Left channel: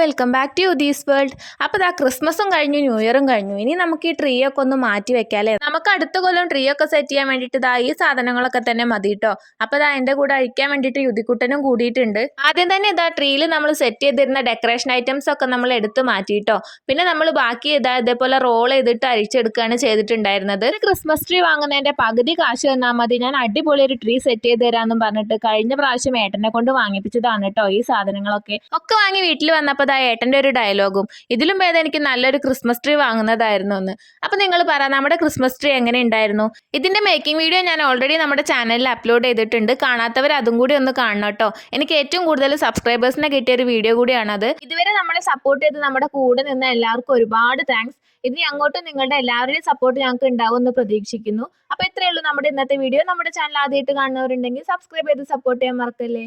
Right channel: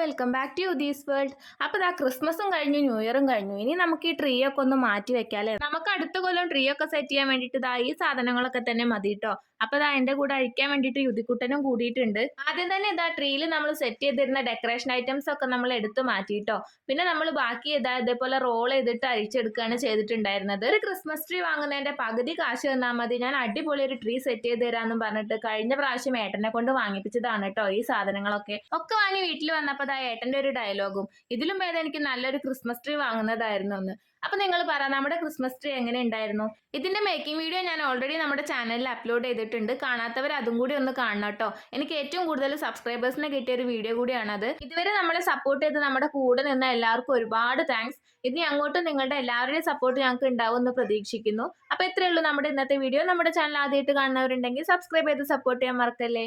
Welcome back to these world. അപ്പോൾ ഇതാ ക്രിസ്മസും കഴിഞ്ഞു, ന്യൂ ഇയറും കഴിഞ്ഞു. ഇനി നമുക്ക് ഈ ട്രീ ഒക്കെ ഒന്ന് മാറ്റി വെക്കാല്ലേ. നമുക്ക് അടുത്ത കൊല്ലം ട്രീ ഒക്കെ സെറ്റ് ചെയ്യാൻ വേണ്ടിയിട്ട് ഇതാ ഈ സാധനങ്ങളൊക്കെ തന്നെ മതി കേട്ടോ. അപ്പോൾ ഇതാ എൻ്റെ കൂടെ അഴിക്കാൻ വേണ്ടിയിട്ട് യുതിക്കുട്ടനും കൂടിയിട്ടുണ്ട്. ആദ്യം തന്നെ ഇതാ ട്രീയിൽ നമ്മൾ സെറ്റ് ചെയ്തിരുന്ന ഡെക്കറേഷൻ ഐറ്റംസ് ഒക്കെ നമ്മൾ എടുത്ത് മാറ്റിയിട്ടോ. പിന്നെ നമ്മൾ ബാക്കി ഇതേപോലെ റോൾ ചെയ്തിട്ട് അഴിച്ചെടുക്കുകയാണ് ചെയ്തിട്ടുണ്ടായിരുന്നത്. ഒരു ക്രിസ്മസ് ട്രീ വാങ്ങുന്നതിൻ്റെ പകുതി കാശ് തന്നാൽ മതി, ഞാൻ അടിപൊളി ഒരു ട്രീ സെറ്റ് ചെയ്ത് തരാമെന്നും പറഞ്ഞിട്ട് കഴിഞ്ഞ പ്രാവശ്യം ഏട്ടനെ കൊണ്ട് വാങ്ങിപ്പിച്ചതാണ് കേട്ടോ ഈ സാധനങ്ങളൊക്കെ. ഒക്കെ വാങ്ങി വീട്ടിൽ വന്നപ്പോൾ ദാ ഏട്ടൻ്റെ ഒരു ഡയലോഗും, ഇതിലും ഭേദം എനിക്ക് നല്ലൊരു ക്രിസ്മസ് ട്രീ വാങ്ങുന്നതായിരുന്നു എന്ന്. അപ്പോൾ നിങ്ങൾ പറ, നമ്മുടെ ക്രിസ്മസ് ട്രീ എങ്ങനെ ഉണ്ടായിരുന്നു? ഇതിൻ്റെ മേക്കിംഗ് വീഡിയോ ഞാൻ ഓൾറെഡി നമ്മുടെ ചാനലിൽ അപ്ലോഡ് ചെയ്തിട്ടുണ്ട്. കാണാത്തവർ അതും കൂടി ഒന്ന് കാണണം കേട്ടോ. എനിക്ക് ഏറ്റവും കൂടുതൽ സബ്സ്ക്രൈബേഴ്സിനെ കിട്ടിയ ഒരു വീഡിയോ കൂടിയാണത്. ഇതുവരെ നമ്മളെ സപ്പോർട്ട് ചെയ്ത് നമ്മുടെ കൂടെ നിന്ന എല്ലാവർക്കും ഒരുപാട് താങ്ക്സ്. ഇനി അങ്ങോട്ടും നിങ്ങളുടെ എല്ലാവരുടെയും സപ്പോർട്ട് ഞങ്ങൾക്ക് ഉണ്ടാവും എന്ന് പ്രതീക്ഷിക്കുന്നു. അപ്പോൾ ഇത്രയേ ഉള്ളൂ നമ്മുടെ ഇന്നത്തെ വീഡിയോ. നമ്മുടെ ചാനൽ ആദ്യമായിട്ട് കാണുന്നവരുണ്ടെങ്കിൽ സബ്സ്ക്രൈബ് ചെയ്ത് സപ്പോർട്ട് ചെയ്യാൻ മറക്കല്ലേ.